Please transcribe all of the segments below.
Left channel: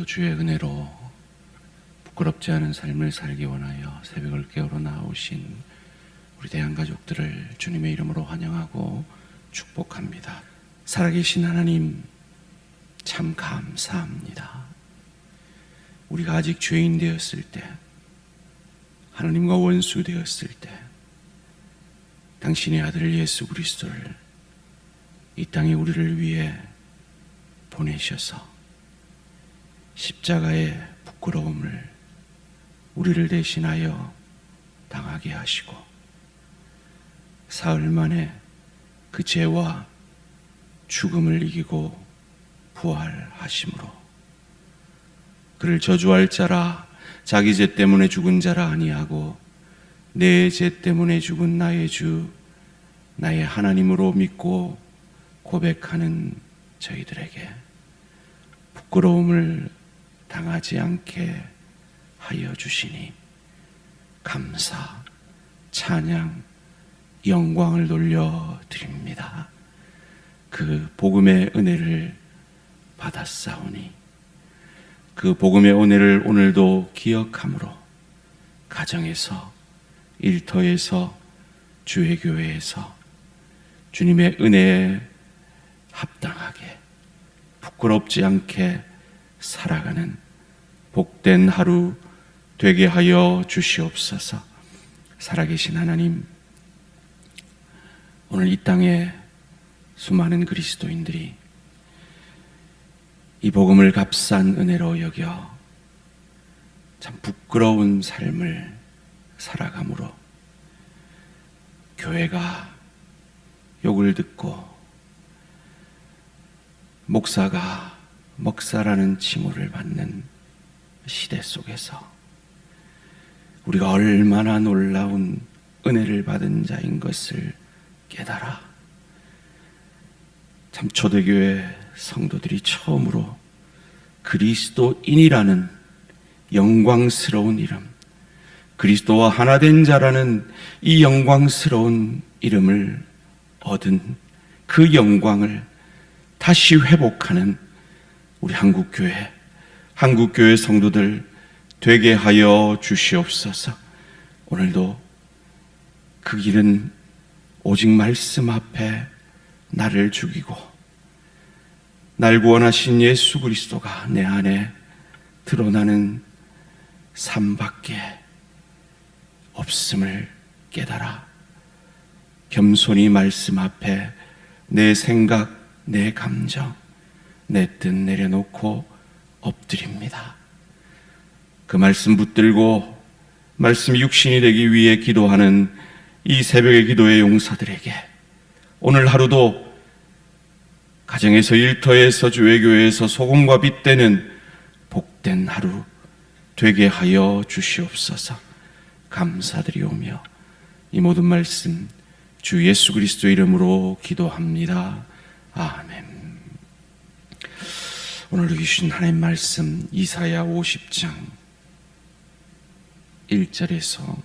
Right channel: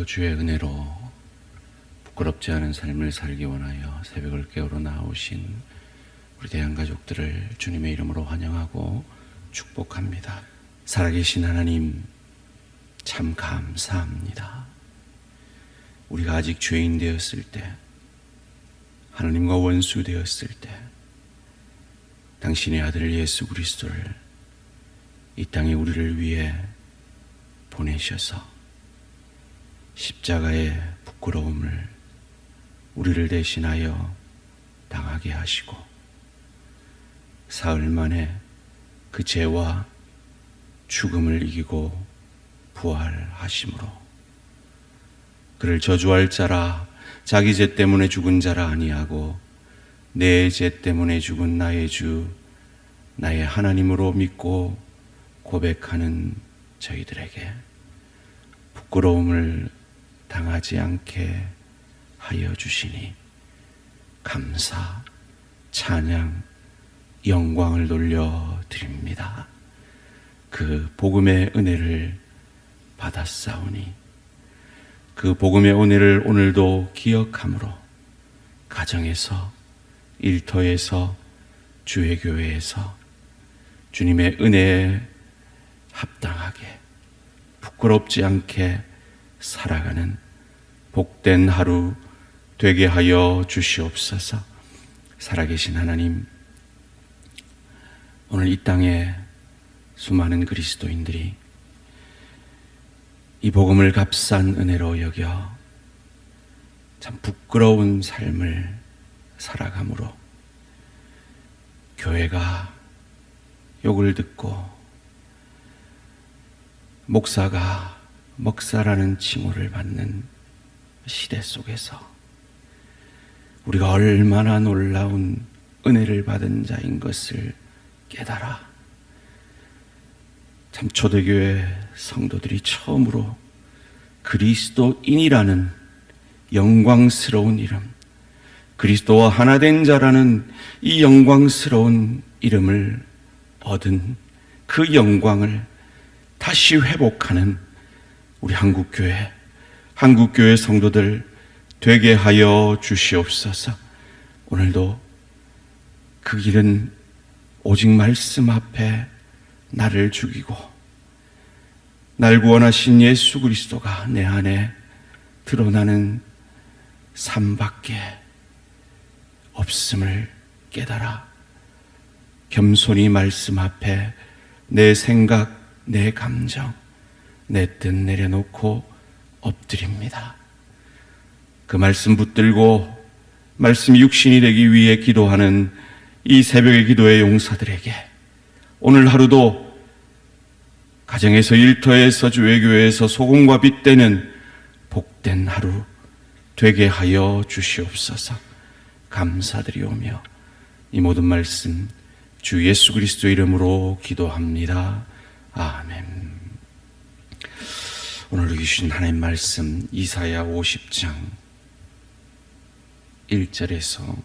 오늘도 주의 은혜로 부끄럽지 않은 삶을 살기 원하여 새벽을 깨우러 나오신 우리 대한가족들을 주님의 이름으로 환영하고 축복합니다. 살아계신 하나님, 참 감사합니다. 우리가 아직 죄인 되었을 때, 하나님과 원수 되었을 때 당신의 아들 예수 그리스도를 이 땅에 우리를 위해 보내셔서 십자가의 부끄러움을 우리를 대신하여 당하게 하시고 사흘 만에 그 죄와 죽음을 이기고 부활하심으로 그를 저주할 자라, 자기 죄 때문에 죽은 자라 아니하고 내 죄 때문에 죽은 나의 주, 나의 하나님으로 믿고 고백하는 저희들에게 부끄러움을 당하지 않게 하여 주시니 감사, 찬양, 영광을 돌려드립니다. 그 복음의 은혜를 받았사오니 그 복음의 은혜를 오늘도 기억함으로 가정에서, 일터에서, 주의 교회에서 주님의 은혜에 합당하게 부끄럽지 않게 살아가는 복된 하루 되게 하여 주시옵소서. 살아계신 하나님, 오늘 이 땅에 수많은 그리스도인들이 이 복음을 값싼 은혜로 여겨 참 부끄러운 삶을 살아가므로 교회가 욕을 듣고 목사가 먹사라는 칭호를 받는 시대 속에서 우리가 얼마나 놀라운 은혜를 받은 자인 것을 깨달아 참 초대교회 성도들이 처음으로 그리스도인이라는 영광스러운 이름, 그리스도와 하나 된 자라는 이 영광스러운 이름을 얻은 그 영광을 다시 회복하는 우리 한국교회 성도들 되게 하여 주시옵소서. 오늘도 그 길은 오직 말씀 앞에 나를 죽이고 날 구원하신 예수 그리스도가 내 안에 드러나는 삶밖에 없음을 깨달아 겸손히 말씀 앞에 내 생각, 내 감정, 내 뜻 내려놓고 엎드립니다. 그 말씀 붙들고 말씀이 육신이 되기 위해 기도하는 이 새벽의 기도의 용사들에게 오늘 하루도 가정에서, 일터에서, 주의교회에서 소금과 빛 되는 복된 하루 되게 하여 주시옵소서. 감사드리오며 이 모든 말씀 주 예수 그리스도 이름으로 기도합니다. 아멘. 오늘 주신 하나님 말씀 이사야 50장 1절에서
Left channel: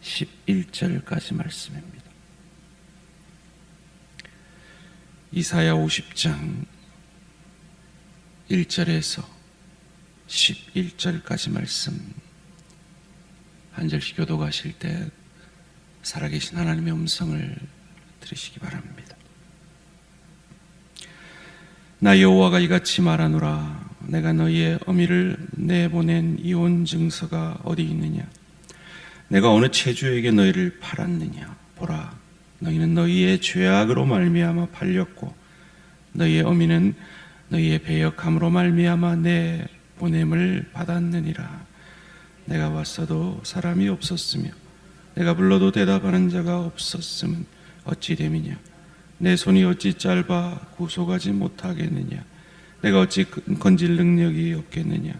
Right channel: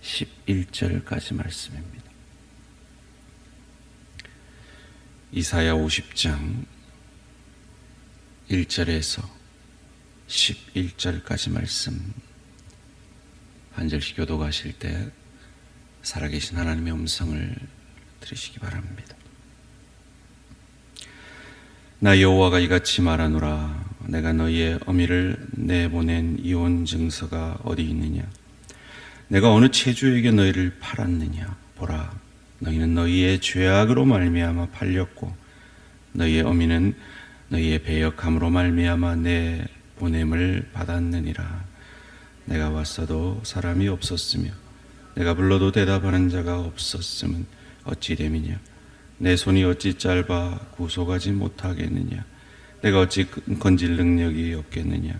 11절까지 말씀입니다. 이사야 50장 1절에서 11절까지 말씀 한 절씩 교독하실 때 살아계신 하나님의 음성을 들으시기 바랍니다. 나 여호와가 이같이 말하노라. 내가 너희의 어미를 내보낸 이혼 증서가 어디 있느냐? 내가 어느 체주에게 너희를 팔았느냐? 보라, 너희는 너희의 죄악으로 말미암아 팔렸고 너희의 어미는 너희의 배역함으로 말미암아 내 보냄을 받았느니라. 내가 왔어도 사람이 없었으며 내가 불러도 대답하는 자가 없었음은 어찌 됨이냐? 내 손이 어찌 짧아 구속하지 못하겠느냐? 내가 어찌 건질 능력이 없겠느냐?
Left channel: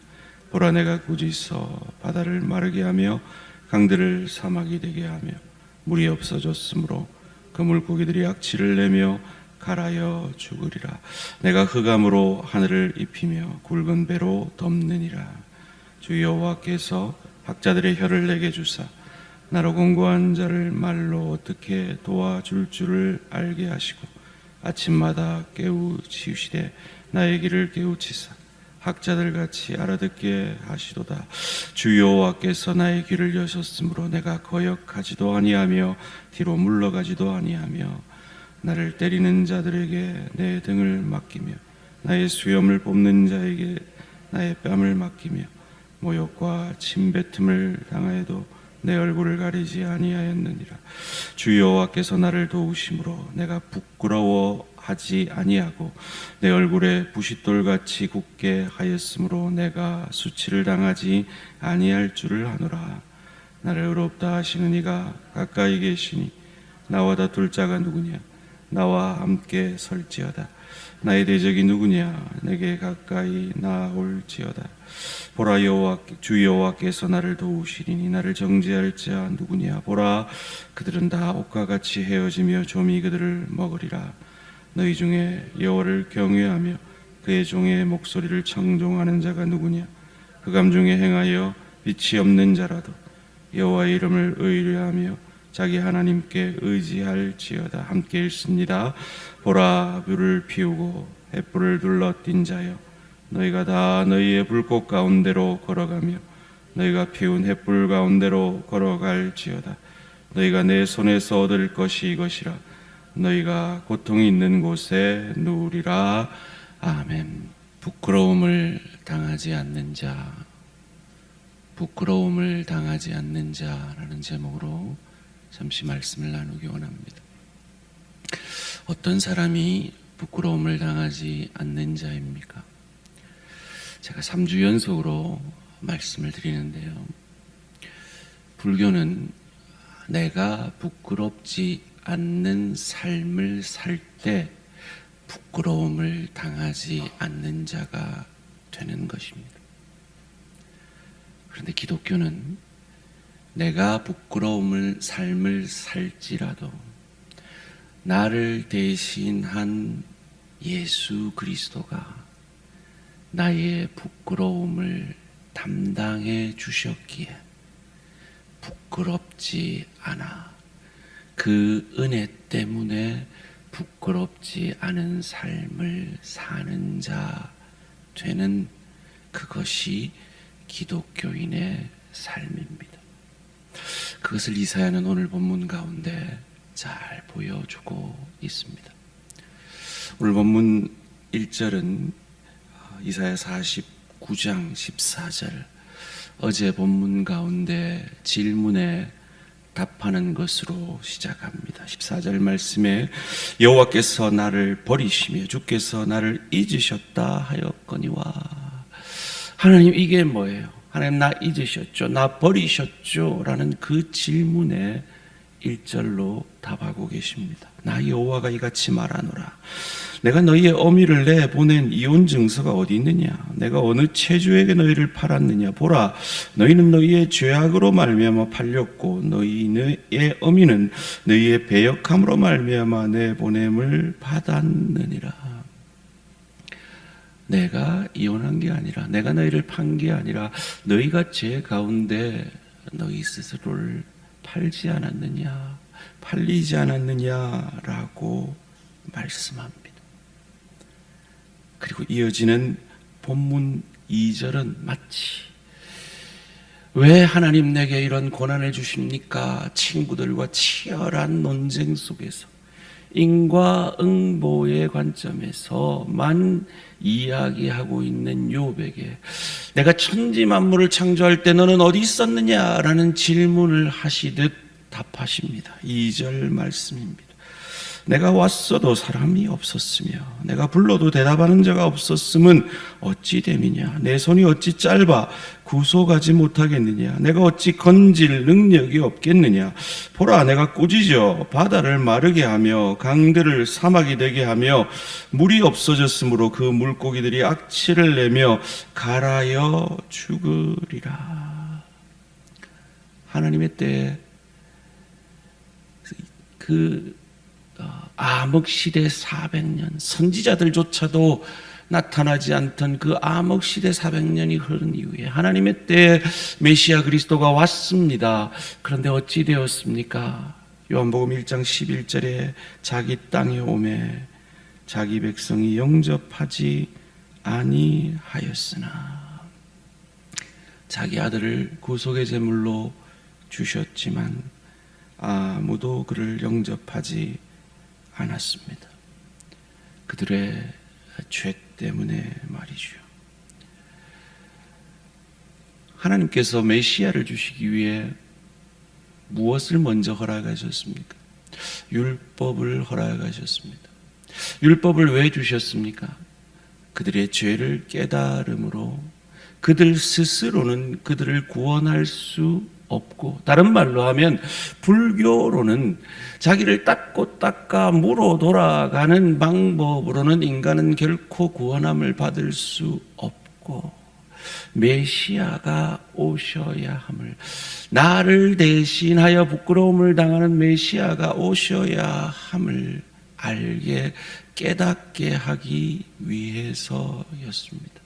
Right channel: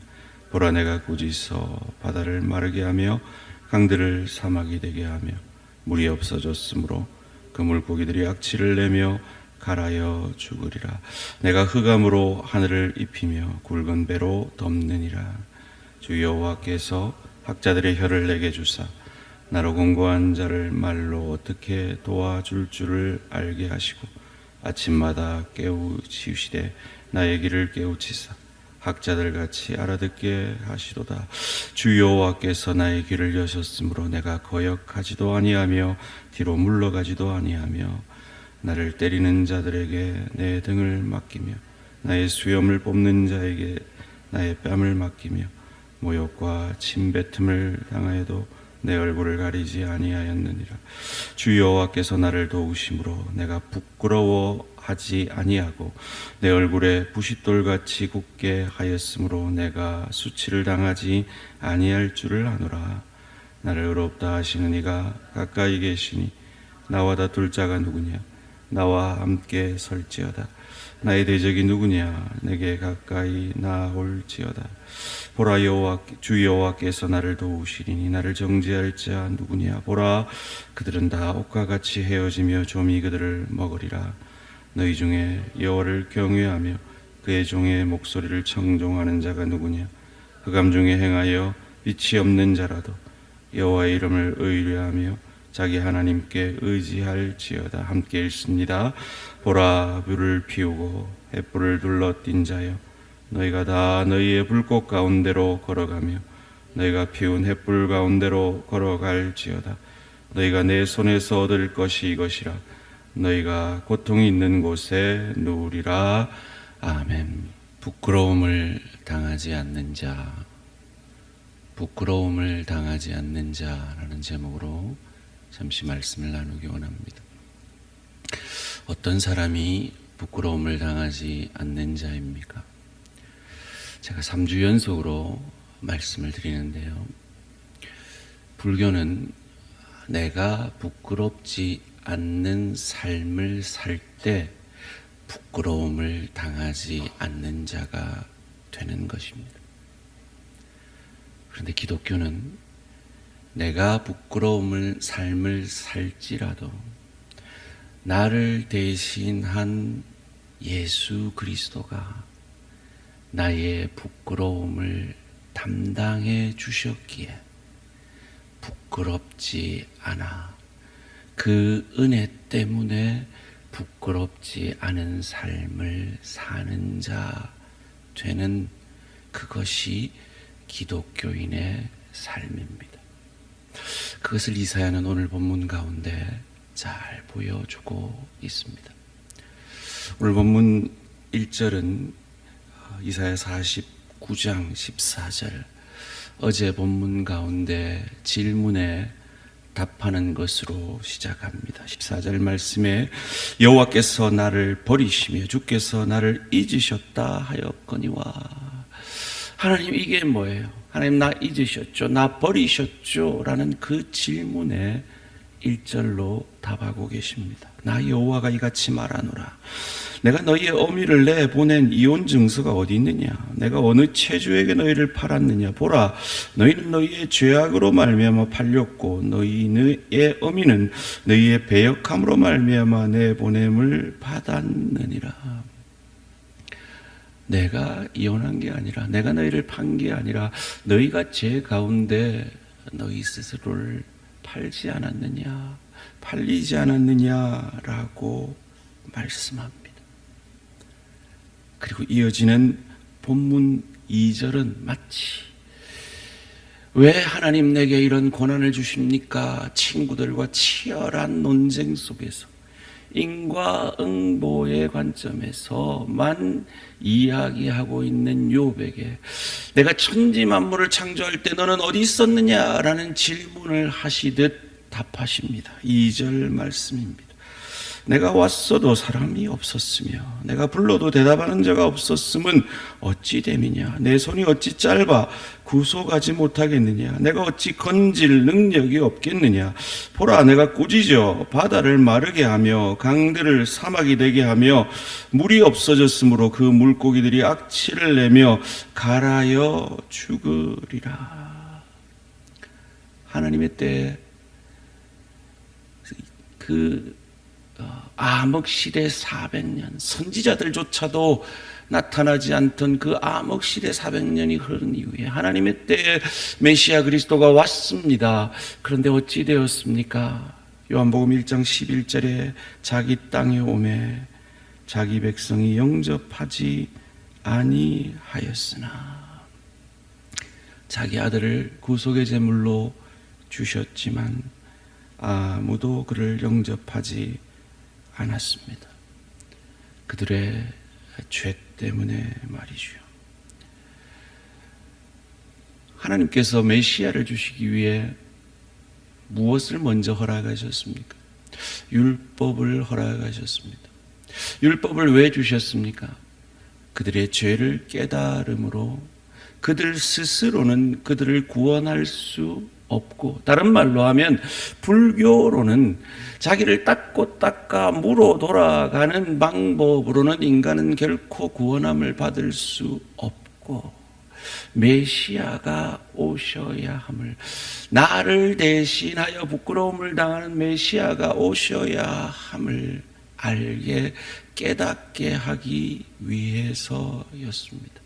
보라, 내가 굳이서 바다를 마르게 하며 강들을 사막이 되게 하며 물이 없어졌으므로 그 물고기들이 악취를 내며 갈아여 죽으리라. 내가 흑암으로 하늘을 입히며 굵은 배로 덮느니라. 주 여호와께서 학자들의 혀를 내게 주사 나로 공고한 자를 말로 어떻게 도와줄 줄을 알게 하시고 아침마다 깨우치시되 나의 길을 깨우치사 학자들 같이 알아듣게 하시도다. 주 여호와께서 나의 귀를 여셨으므로 내가 거역하지도 아니하며 뒤로 물러가지도 아니하며 나를 때리는 자들에게 내 등을 맡기며 나의 수염을 뽑는 자에게 나의 뺨을 맡기며 모욕과 침뱉음을 당하여도 내 얼굴을 가리지 아니하였느니라. 주 여호와께서 나를 도우심으로 내가 부끄러워하지 아니하고 내 얼굴에 부싯돌같이 굳게 하였으므로 내가 수치를 당하지 아니할 줄을 아노라. 나를 의롭다 하시는 이가 가까이 계시니 나와 다툴 자가 누구냐? 나와 함께 설지어다. 나의 대적이 누구냐? 내게 가까이 나올지어다. 보라, 주 여호와께서 나를 도우시리니 나를 정죄할 자 누구냐? 보라, 그들은 다 옷과 같이 헤어지며 좀이 그들을 먹으리라. 너희 중에 여호와를 경외하며 그의 종의 목소리를 청종하는 자가 누구냐? 흑암 중에 행하여 빛이 없는 자라도 여호와의 이름을 의뢰하며 자기 하나님께 의지할지어다. 함께 읽습니다. 보라, 불을 피우고 횃불을 둘러띈 자여, 너희가 다 너희의 불꽃 가운데로 걸어가며 너희가 피운 횃불 가운데로 걸어갈지어다. 너희가 내 손에서 얻을 것이 이것이라. 너희가 고통이 있는 곳에 누우리라. 아멘. 부끄러움을 당하지 않는 자, 부끄러움을 당하지 않는 자라는 제목으로 잠시 말씀을 나누기 원합니다. 어떤 사람이 부끄러움을 당하지 않는 자입니까? 제가 3주 연속으로 말씀을 드리는데요, 불교는 내가 부끄럽지 않는 삶을 살 때 부끄러움을 당하지 않는 자가 되는 것입니다. 그런데 기독교는 내가 부끄러움을 삶을 살지라도 나를 대신한 예수 그리스도가 나의 부끄러움을 담당해 주셨기에 부끄럽지 않아 그 은혜 때문에 부끄럽지 않은 삶을 사는 자 되는, 그것이 기독교인의 삶입니다. 그것을 이사야는 오늘 본문 가운데 잘 보여주고 있습니다. 오늘 본문 1절은 이사야 49장 14절, 어제 본문 가운데 질문에 답하는 것으로 시작합니다. 14절 말씀에 여호와께서 나를 버리시며 주께서 나를 잊으셨다 하였거니와. 하나님, 이게 뭐예요? 하나님, 나 잊으셨죠? 나 버리셨죠? 라는 그 질문에 1절로 답하고 계십니다. 나 여호와가 이같이 말하노라. 내가 너희의 어미를 내보낸 이혼 증서가 어디 있느냐? 내가 어느 체주에게 너희를 팔았느냐? 보라, 너희는 너희의 죄악으로 말미암아 팔렸고 너희의 어미는 너희의 배역함으로 말미암아 내보냄을 받았느니라. 내가 이혼한 게 아니라, 내가 너희를 판 게 아니라 너희가 죄 가운데 너희 스스로를 팔지 않았느냐, 팔리지 않았느냐라고 말씀합니다. 그리고 이어지는 본문 2절은 마치 왜 하나님 내게 이런 고난을 주십니까? 친구들과 치열한 논쟁 속에서 인과응보의 관점에서만 이야기하고 있는 욥에게 내가 천지 만물을 창조할 때 너는 어디 있었느냐라는 질문을 하시듯 답하십니다. 2절 말씀입니다. 내가 왔어도 사람이 없었으며 내가 불러도 대답하는 자가 없었음은 어찌 됨이냐? 내 손이 어찌 짧아 구속하지 못하겠느냐? 내가 어찌 건질 능력이 없겠느냐? 보라, 내가 꾸짖어 바다를 마르게 하며 강들을 사막이 되게 하며 물이 없어졌으므로 그 물고기들이 악취를 내며 갈아여 죽으리라. 하나님의 때에 암흑시대 400년, 선지자들조차도 나타나지 않던 그 암흑시대 400년이 흐른 이후에 하나님의 때에 메시아 그리스도가 왔습니다. 그런데 어찌 되었습니까? 요한복음 1장 11절에 자기 땅에 오매 자기 백성이 영접하지 아니하였으나 자기 아들을 구속의 제물로 주셨지만 아무도 그를 영접하지 않았습니다. 그들의 죄 때문에 말이죠. 하나님께서 메시아를 주시기 위해 무엇을 먼저 허락하셨습니까? 율법을 허락하셨습니다. 율법을 왜 주셨습니까? 그들의 죄를 깨달음으로 그들 스스로는 그들을 구원할 수 없고, 다른 말로 하면 불교로는 자기를 닦고 닦아 물어 돌아가는 방법으로는 인간은 결코 구원함을 받을 수 없고, 메시아가 오셔야 함을, 나를 대신하여 부끄러움을 당하는 메시아가 오셔야 함을 알게 깨닫게 하기 위해서였습니다.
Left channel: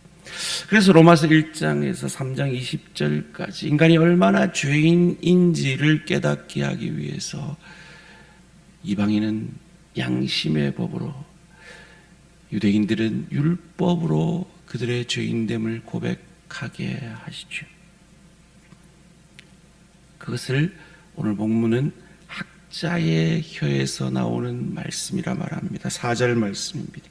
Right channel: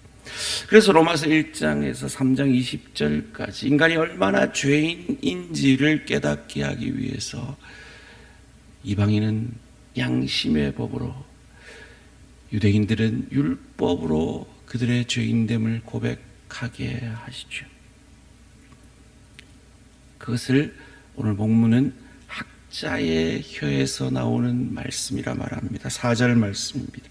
그래서 로마서 1장에서 3장 20절까지 인간이 얼마나 죄인인지를 깨닫게 하기 위해서 이방인은 양심의 법으로, 유대인들은 율법으로 그들의 죄인됨을 고백하게 하시죠. 그것을 오늘 본문은 학자의 혀에서 나오는 말씀이라 말합니다. 4절 말씀입니다.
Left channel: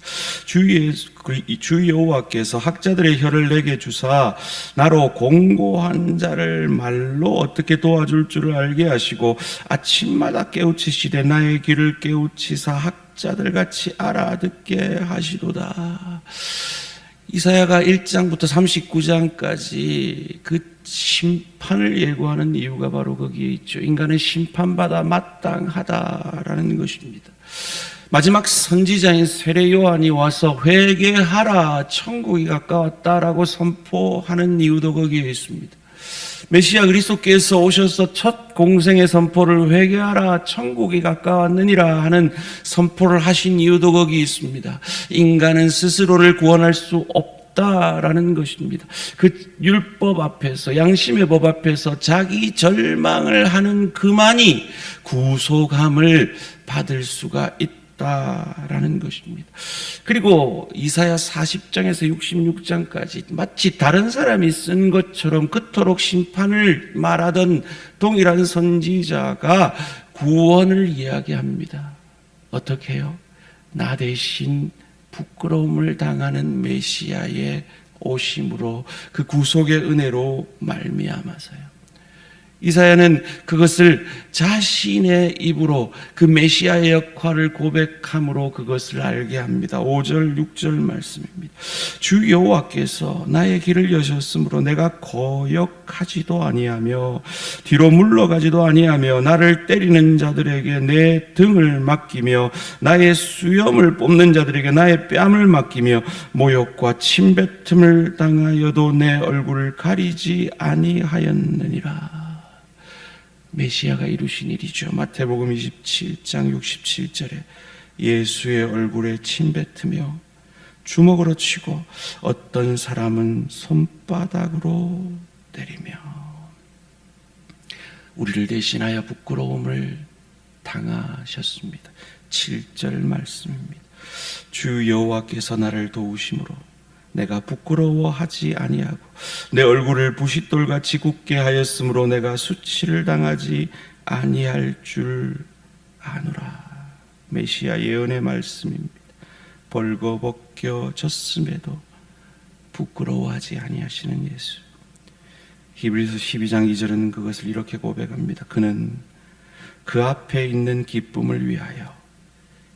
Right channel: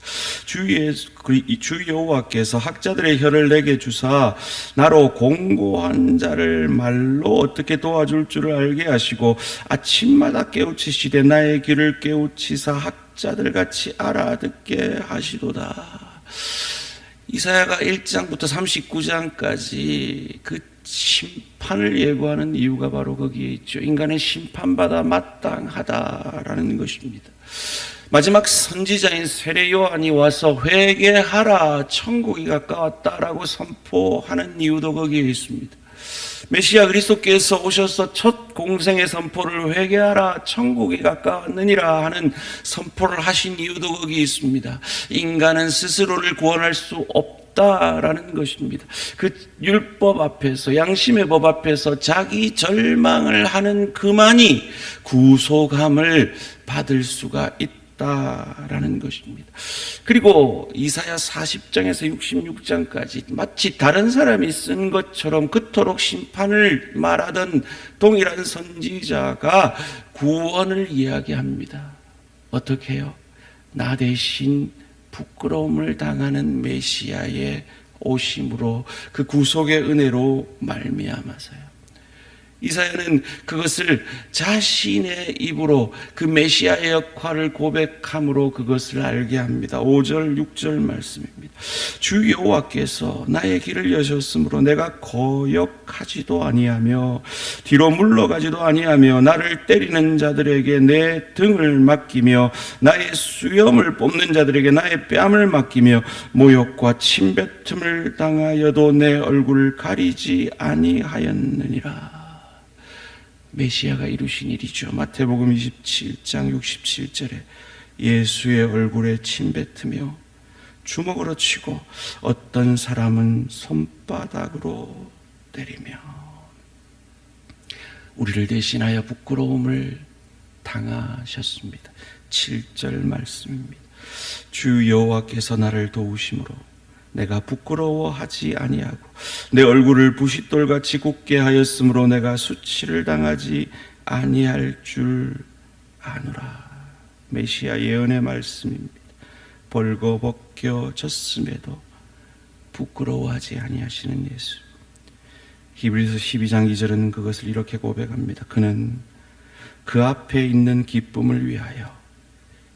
주 여호와께서 학자들의 혀를 내게 주사 나로 공고한 자를 말로 어떻게 도와줄 줄을 알게 하시고 아침마다 깨우치시되 나의 귀를 깨우치사 학자들 같이 알아듣게 하시도다. 이사야가 1장부터 39장까지 그 심판을 예고하는 이유가 바로 거기에 있죠. 인간은 심판받아 마땅하다라는 것입니다. 마지막 선지자인 세례 요한이 와서 회개하라, 천국이 가까웠다라고 선포하는 이유도 거기에 있습니다. 메시아 그리스도께서 오셔서 첫 공생의 선포를 회개하라, 천국이 가까웠느니라 하는 선포를 하신 이유도 거기 있습니다. 인간은 스스로를 구원할 수 없다라는 것입니다. 그 율법 앞에서, 양심의 법 앞에서 자기 절망을 하는 그만이 구속함을 받을 수가 있다라는 것입니다. 그리고 이사야 40장에서 66장까지 마치 다른 사람이 쓴 것처럼 그토록 심판을 말하던 동일한 선지자가 구원을 이야기합니다. 어떻게 해요? 나 대신 부끄러움을 당하는 메시아의 오심으로, 그 구속의 은혜로 말미암아서요. 이사야는 그것을 자신의 입으로 그 메시아의 역할을 고백함으로 그것을 알게 합니다. 5절 6절 말씀입니다. 주 여호와께서 나의 길을 여셨으므로 내가 거역하지도 아니하며 뒤로 물러가지도 아니하며 나를 때리는 자들에게 내 등을 맡기며 나의 수염을 뽑는 자들에게 나의 뺨을 맡기며 모욕과 침뱉음을 당하여도 내 얼굴을 가리지 아니하였느니라. 메시아가 이루신 일이죠. 마태복음 27장 67절에 예수의 얼굴에 침뱉으며 주먹으로 치고 어떤 사람은 손바닥으로 때리며 우리를 대신하여 부끄러움을 당하셨습니다. 7절 말씀입니다. 주 여호와께서 나를 도우심으로 내가 부끄러워하지 아니하고 내 얼굴을 부싯돌같이 굳게 하였으므로 내가 수치를 당하지 아니할 줄 아노라. 메시아 예언의 말씀입니다. 벌거벗겨졌음에도 부끄러워하지 아니하시는 예수. 히브리서 12장 2절은 그것을 이렇게 고백합니다. 그는 그 앞에 있는 기쁨을 위하여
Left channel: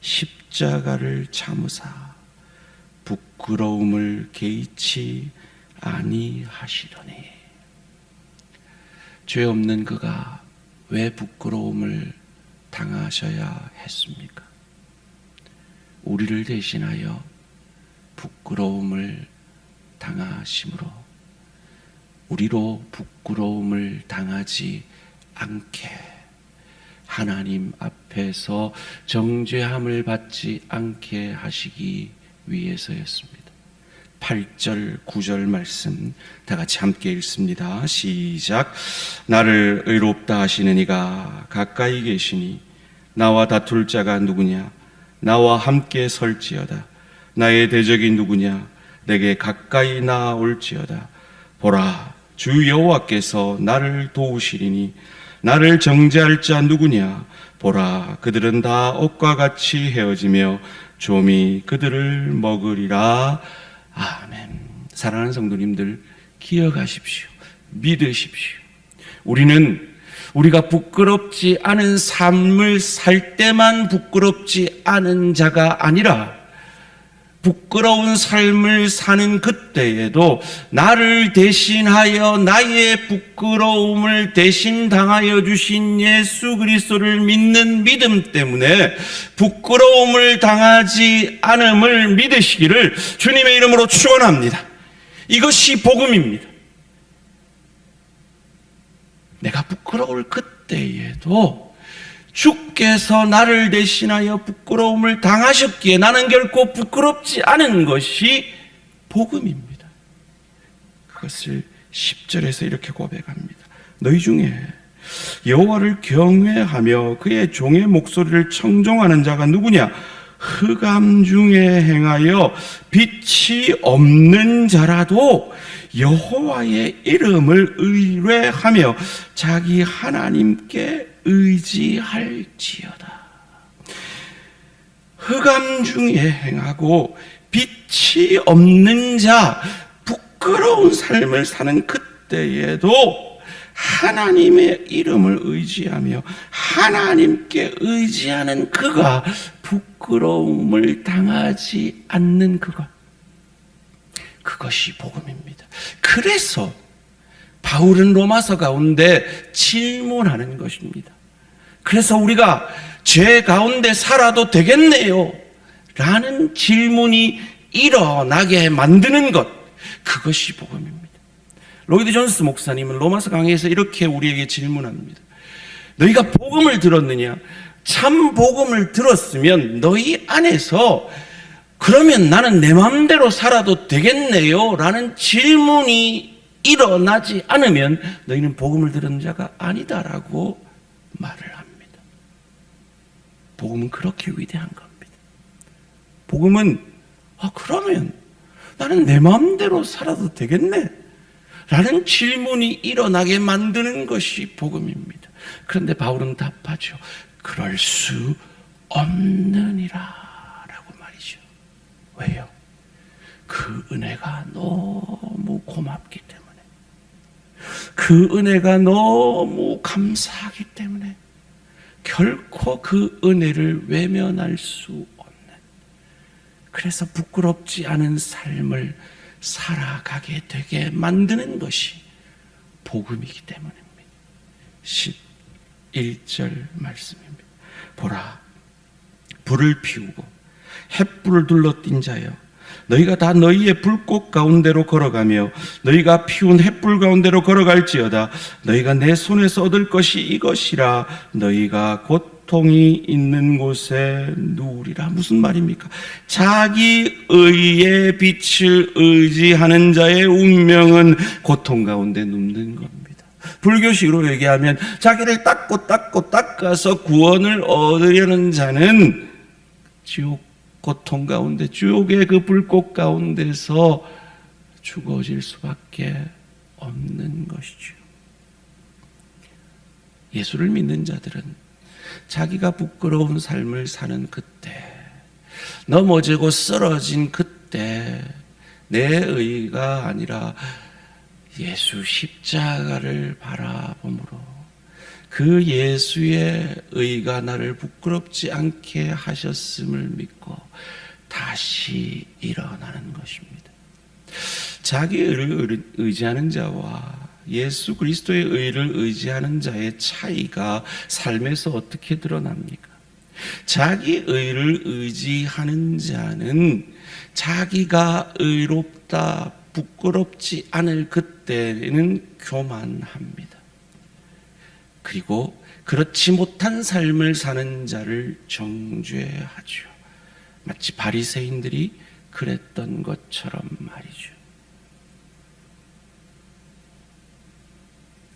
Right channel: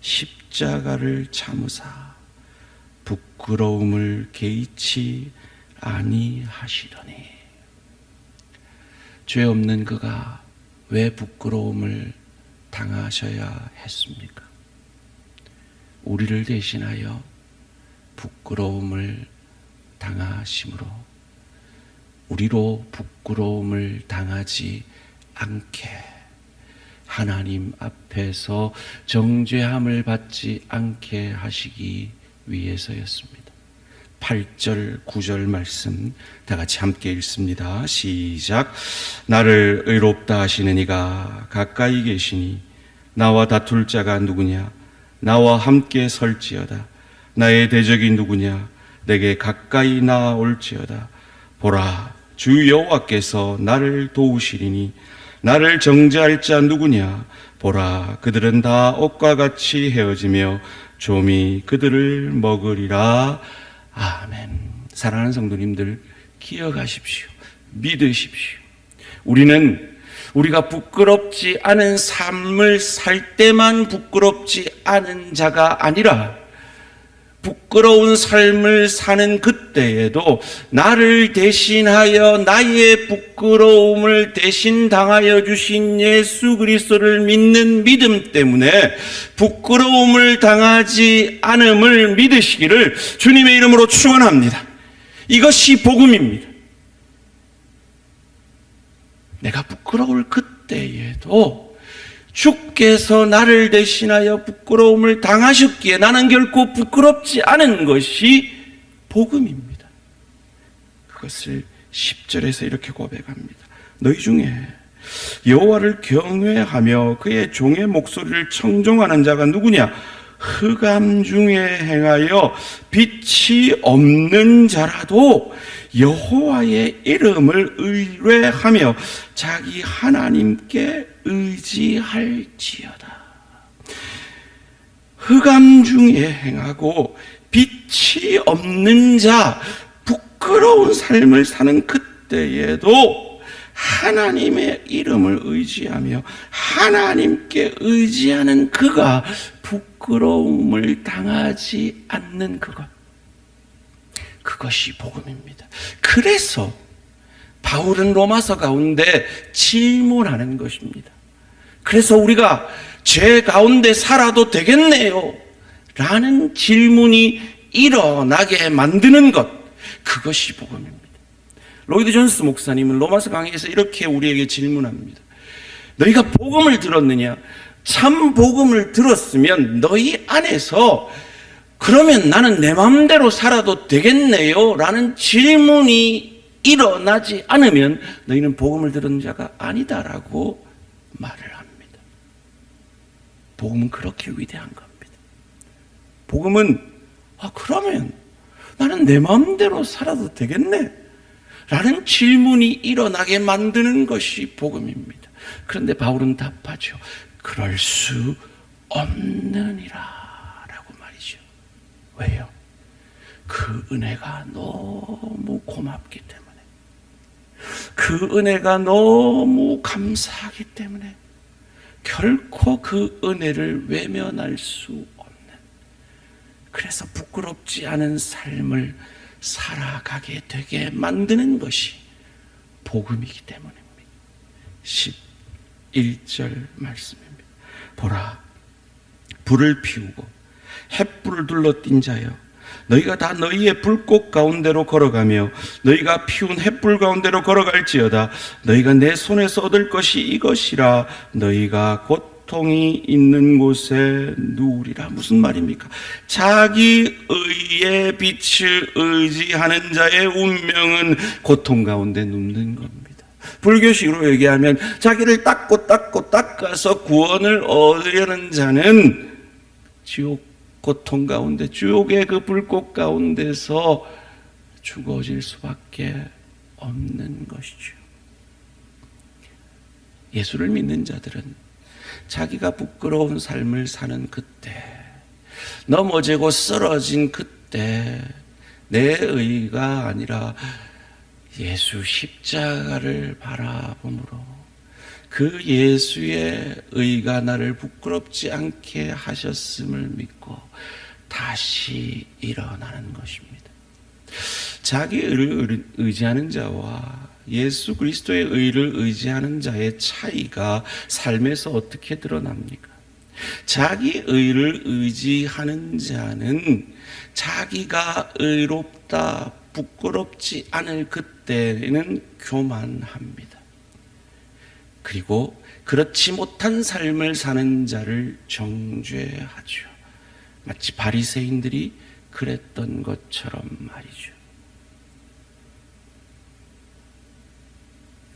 십자가를 참으사 부끄러움을 개의치 아니하시더니. 죄 없는 그가 왜 부끄러움을 당하셔야 했습니까? 우리를 대신하여 부끄러움을 당하심으로 우리로 부끄러움을 당하지 않게, 하나님 앞에서 정죄함을 받지 않게 하시기 위해서였습니다. 8절 9절 말씀 다 같이 함께 읽습니다. 시작. 나를 의롭다 하시는 이가 가까이 계시니 나와 다툴 자가 누구냐? 나와 함께 설지어다. 나의 대적이 누구냐? 내게 가까이 나올지어다. 보라, 주 여호와께서 나를 도우시리니 나를 정죄할 자 누구냐? 보라, 그들은 다 옷과 같이 헤어지며 좀이 그들을 먹으리라. 아멘. 사랑하는 성도님들, 기억하십시오. 믿으십시오. 우리가 부끄럽지 않은 삶을 살 때만 부끄럽지 않은 자가 아니라 부끄러운 삶을 사는 그때에도 나를 대신하여 나의 부끄러움을 대신 당하여 주신 예수 그리스도를 믿는 믿음 때문에 부끄러움을 당하지 않음을 믿으시기를 주님의 이름으로 축원합니다. 이것이 복음입니다. 내가 부끄러울 그때에도 주께서 나를 대신하여 부끄러움을 당하셨기에 나는 결코 부끄럽지 않은 것이 복음입니다. 그것을 10절에서 이렇게 고백합니다. 너희 중에 여호와를 경외하며 그의 종의 목소리를 청종하는 자가 누구냐? 흑암 중에 행하여 빛이 없는 자라도 여호와의 이름을 의뢰하며 자기 하나님께 의지할지어다. 흑암 중에 행하고 빛이 없는 자, 부끄러운 삶을 사는 그때에도 하나님의 이름을 의지하며 하나님께 의지하는 그가 부끄러움을 당하지 않는 그것이 복음입니다. 그래서 바울은 로마서 가운데 질문하는 것입니다. 그래서 우리가 죄 가운데 살아도 되겠네요 라는 질문이 일어나게 만드는 것, 그것이 복음입니다. 로이드 존스 목사님은 로마서 강의에서 이렇게 우리에게 질문합니다. 너희가 복음을 들었느냐? 참 복음을 들었으면 너희 안에서 그러면 나는 내 마음대로 살아도 되겠네요 라는 질문이 일어나지 않으면 너희는 복음을 들은 자가 아니다라고 말을 합니다. 복음은 그렇게 위대한 겁니다. 복음은 그러면 나는 내 마음대로 살아도 되겠네 라는 질문이 일어나게 만드는 것이 복음입니다. 그런데 바울은 답하죠. 그럴 수 없느니라 라고 말이죠. 왜요? 그 은혜가 너무 고맙기 때문에, 그 은혜가 너무 감사하기 때문에 결코 그 은혜를 외면할 수 없는, 그래서 부끄럽지 않은 삶을 살아가게 되게 만드는 것이 복음이기 때문입니다. 11절 말씀입니다. 보라, 불을 피우고 햇불을 둘러띈 자여, 너희가 다 너희의 불꽃 가운데로 걸어가며 너희가 피운 햇불 가운데로 걸어갈지어다. 너희가 내 손에서 얻을 것이 이것이라. 너희가 고통이 있는 곳에 누우리라. 무슨 말입니까? 자기 의의 빛을 의지하는 자의 운명은 고통 가운데 눕는 겁니다. 불교식으로 얘기하면 자기를 닦아서 구원을 얻으려는 자는 지옥 고통 가운데, 지옥의 그 불꽃 가운데서 죽어질 수밖에 없는 것이죠. 예수를 믿는 자들은 자기가 부끄러운 삶을 사는 그때, 넘어지고 쓰러진 그때 내 의가 아니라 예수 십자가를 바라보므로 그 예수의 의가 나를 부끄럽지 않게 하셨음을 믿고 다시 일어나는 것입니다. 자기 의를 의지하는 자와 예수 그리스도의 의를 의지하는 자의 차이가 삶에서 어떻게 드러납니까? 자기 의를 의지하는 자는 자기가 의롭다, 부끄럽지 않을 그때는 교만합니다. 그리고 그렇지 못한 삶을 사는 자를 정죄하죠. 마치 바리새인들이 그랬던 것처럼 말이죠.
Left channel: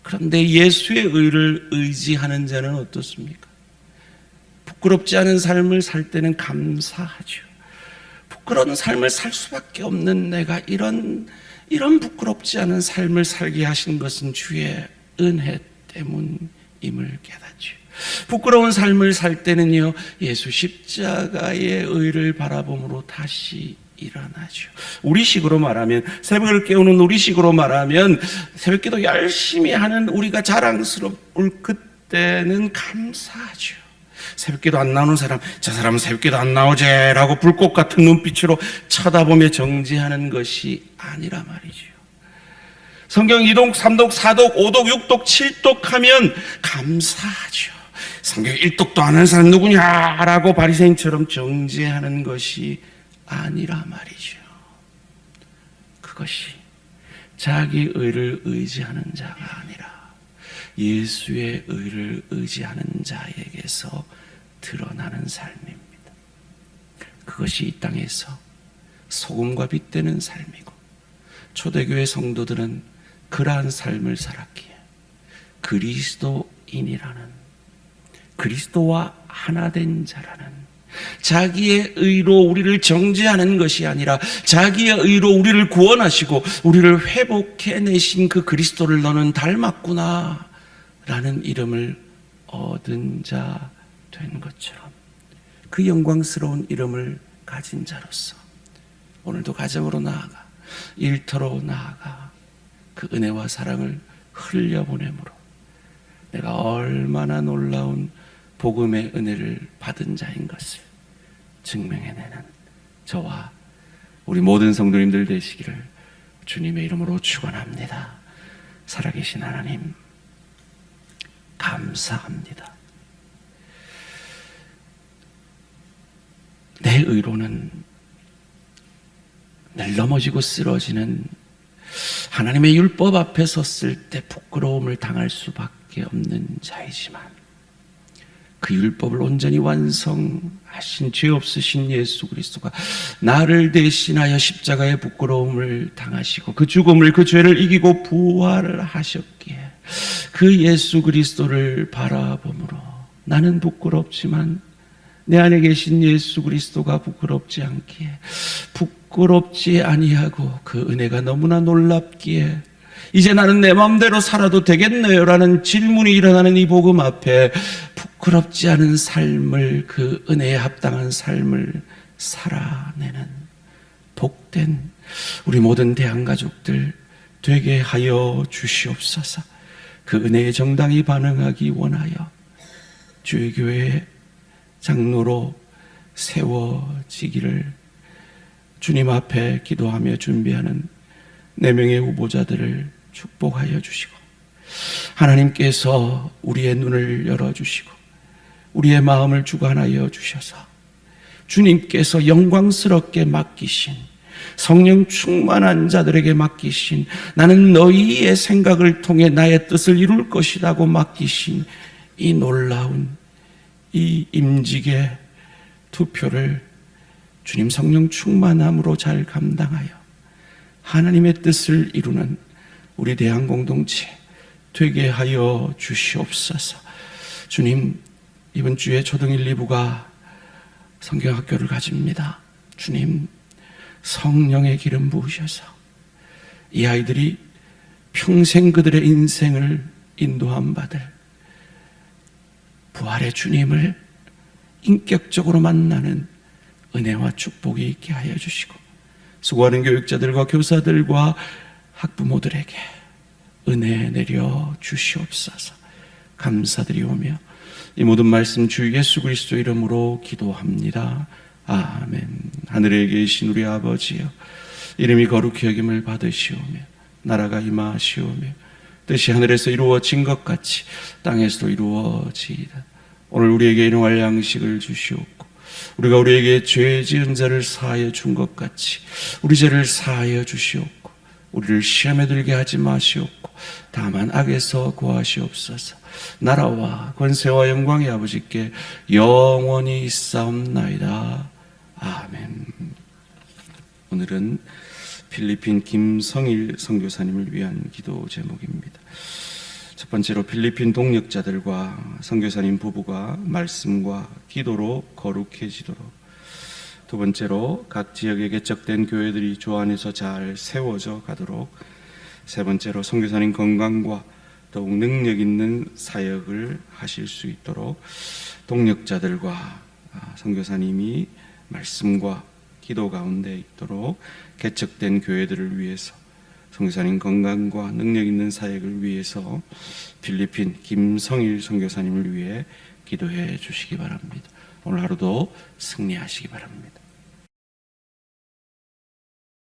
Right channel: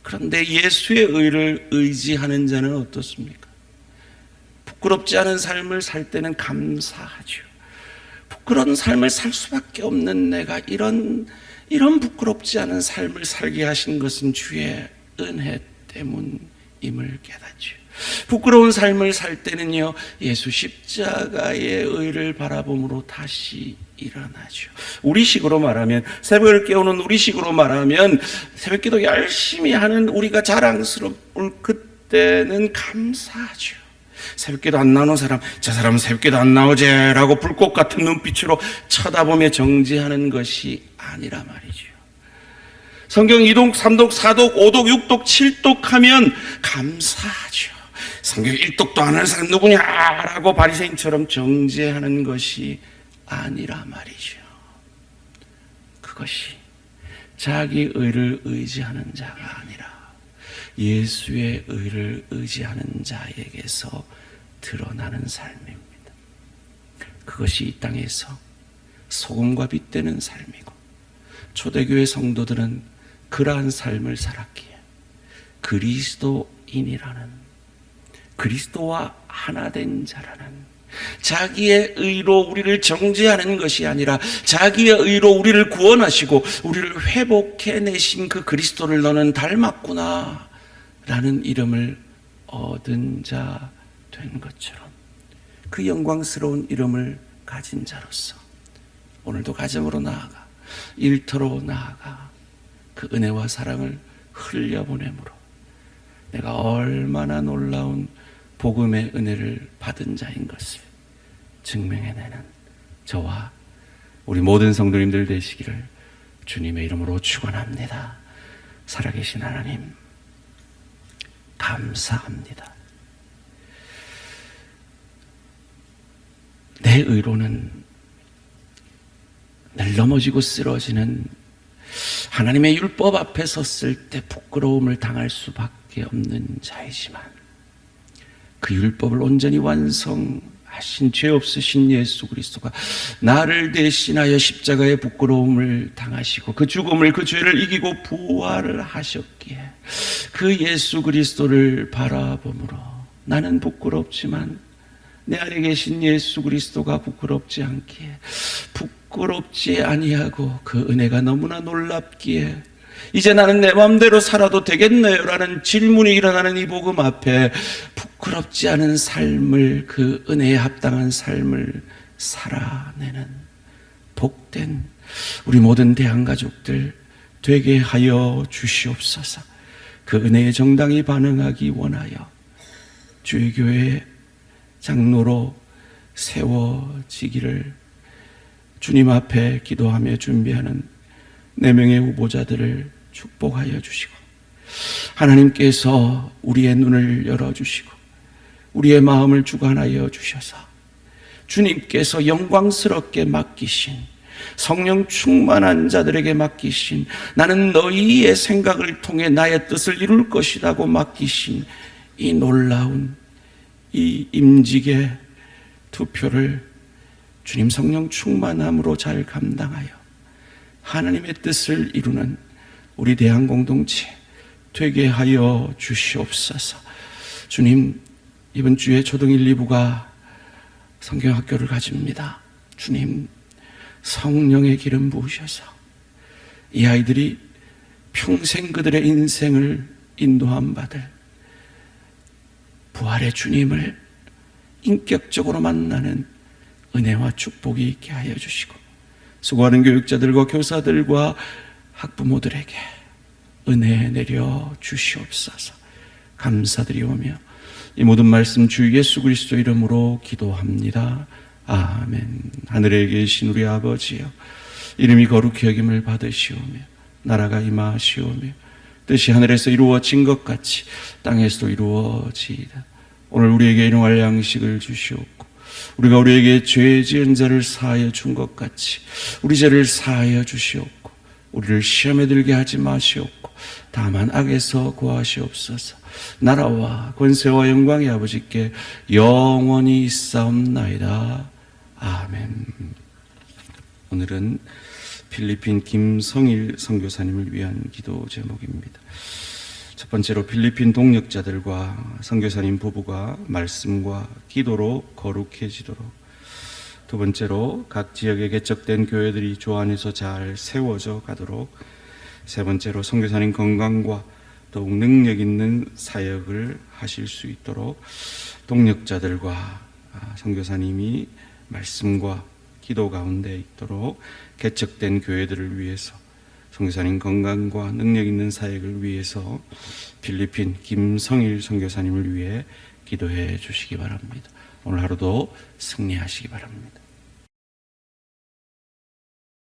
그런데 예수의 의를 의지하는 자는 어떻습니까? 부끄럽지 않은 삶을 살 때는 감사하죠. 그런 삶을 살 수밖에 없는 내가 이런 부끄럽지 않은 삶을 살게 하신 것은 주의 은혜 때문임을 깨닫죠. 부끄러운 삶을 살 때는요, 예수 십자가의 의를 바라봄으로 다시 일어나죠. 우리식으로 말하면, 새벽을 깨우는 우리식으로 말하면, 새벽기도 열심히 하는 우리가 자랑스러울 그때는 감사하죠. 새벽기도 안 나오는 사람, 저 사람은 새벽기도 안 나오제라고 불꽃 같은 눈빛으로 쳐다보며 정지하는 것이 아니라 말이죠. 성경 2독, 3독, 4독, 5독, 6독, 7독 하면 감사하죠. 성경 1독도 안 하는 사람 누구냐라고 바리새인처럼 정죄하는 것이 아니라 말이죠. 그것이 자기 의를 의지하는 자가 아니라 예수의 의를 의지하는 자에게서 드러나는 삶입니다. 그것이 이 땅에서 소금과 빛 되는 삶이고, 초대교회 성도들은 그러한 삶을 살았기에 그리스도인이라는, 그리스도와 하나 된 자라는, 자기의 의로 우리를 정죄하는 것이 아니라 자기의 의로 우리를 구원하시고 우리를 회복해내신 그 그리스도를 너는 닮았구나 라는 이름을 얻은 자 된 것처럼, 그 영광스러운 이름을 가진 자로서 오늘도 가정으로 나아가, 일터로 나아가 그 은혜와 사랑을 흘려보내므로 내가 얼마나 놀라운 복음의 은혜를 받은 자인 것을 증명해내는 저와 우리 모든 성도님들 되시기를 주님의 이름으로 축원합니다. 살아계신 하나님, 감사합니다. 내 의로는 늘 넘어지고 쓰러지는, 하나님의 율법 앞에 섰을 때 부끄러움을 당할 수밖에 없는 자이지만, 그 율법을 온전히 완성하신 죄 없으신 예수 그리스도가 나를 대신하여 십자가의 부끄러움을 당하시고 그 죽음을, 그 죄를 이기고 부활을 하셨기에 그 예수 그리스도를 바라보므로 나는 부끄럽지만 내 안에 계신 예수 그리스도가 부끄럽지 않기에, 부끄럽지 아니하고 그 은혜가 너무나 놀랍기에 이제 나는 내 마음대로 살아도 되겠네요 라는 질문이 일어나는 이 복음 앞에 부끄럽지 않은 삶을, 그 은혜에 합당한 삶을 살아내는 복된 우리 모든 대한가족들 되게 하여 주시옵소서. 그 은혜에 정당히 반응하기 원하여 주의 교회에 장로로 세워지기를 주님 앞에 기도하며 준비하는 4명의 후보자들을 축복하여 주시고, 하나님께서 우리의 눈을 열어주시고 우리의 마음을 주관하여 주셔서 주님께서 영광스럽게 맡기신, 성령 충만한 자들에게 맡기신, 나는 너희의 생각을 통해 나의 뜻을 이룰 것이라고 맡기신 이 놀라운 이 임직의 투표를 주님 성령 충만함으로 잘 감당하여 하나님의 뜻을 이루는 우리 대한공동체 되게 하여 주시옵소서. 주님, 이번 주에 초등 1, 2부가 성경학교를 가집니다. 주님, 성령의 기름 부으셔서 이 아이들이 평생 그들의 인생을 인도함 받을 부활의 주님을 인격적으로 만나는 은혜와 축복이 있게 하여 주시고, 수고하는 교육자들과 교사들과 학부모들에게 은혜 내려 주시옵소서. 감사드리오며 이 모든 말씀 주 예수 그리스도 이름으로 기도합니다. 아멘. 하늘에 계신 우리 아버지여, 이름이 거룩히 여김을 받으시오며 나라가 임하시오며 뜻이 하늘에서 이루어진 것 같이 땅에서도 이루어지이다. 오늘 우리에게 일용할 양식을 주시옵고, 우리가 우리에게 죄 지은 자를 사하여 준 것 같이 우리 죄를 사하여 주시옵고, 우리를 시험에 들게 하지 마시옵고 다만 악에서 구하시옵소서. 나라와 권세와 영광이 아버지께 영원히 있사옵나이다. 아멘. 오늘은 필리핀 김성일 선교사님을 위한 기도 제목입니다. 첫 번째로 필리핀 동역자들과 선교사님 부부가 말씀과 기도로 거룩해지도록, 두 번째로 각 지역에 개척된 교회들이 주 안에서 잘 세워져 가도록, 세 번째로 선교사님 건강과 더욱 능력 있는 사역을 하실 수 있도록 동력자들과 선교사님이 말씀과 기도 가운데 있도록 개척된 교회들을 위해서, 선교사님 건강과 능력 있는 사역을 위해서 필리핀 김성일 선교사님을 위해 기도해 주시기 바랍니다. 오늘 하루도 승리하시기 바랍니다.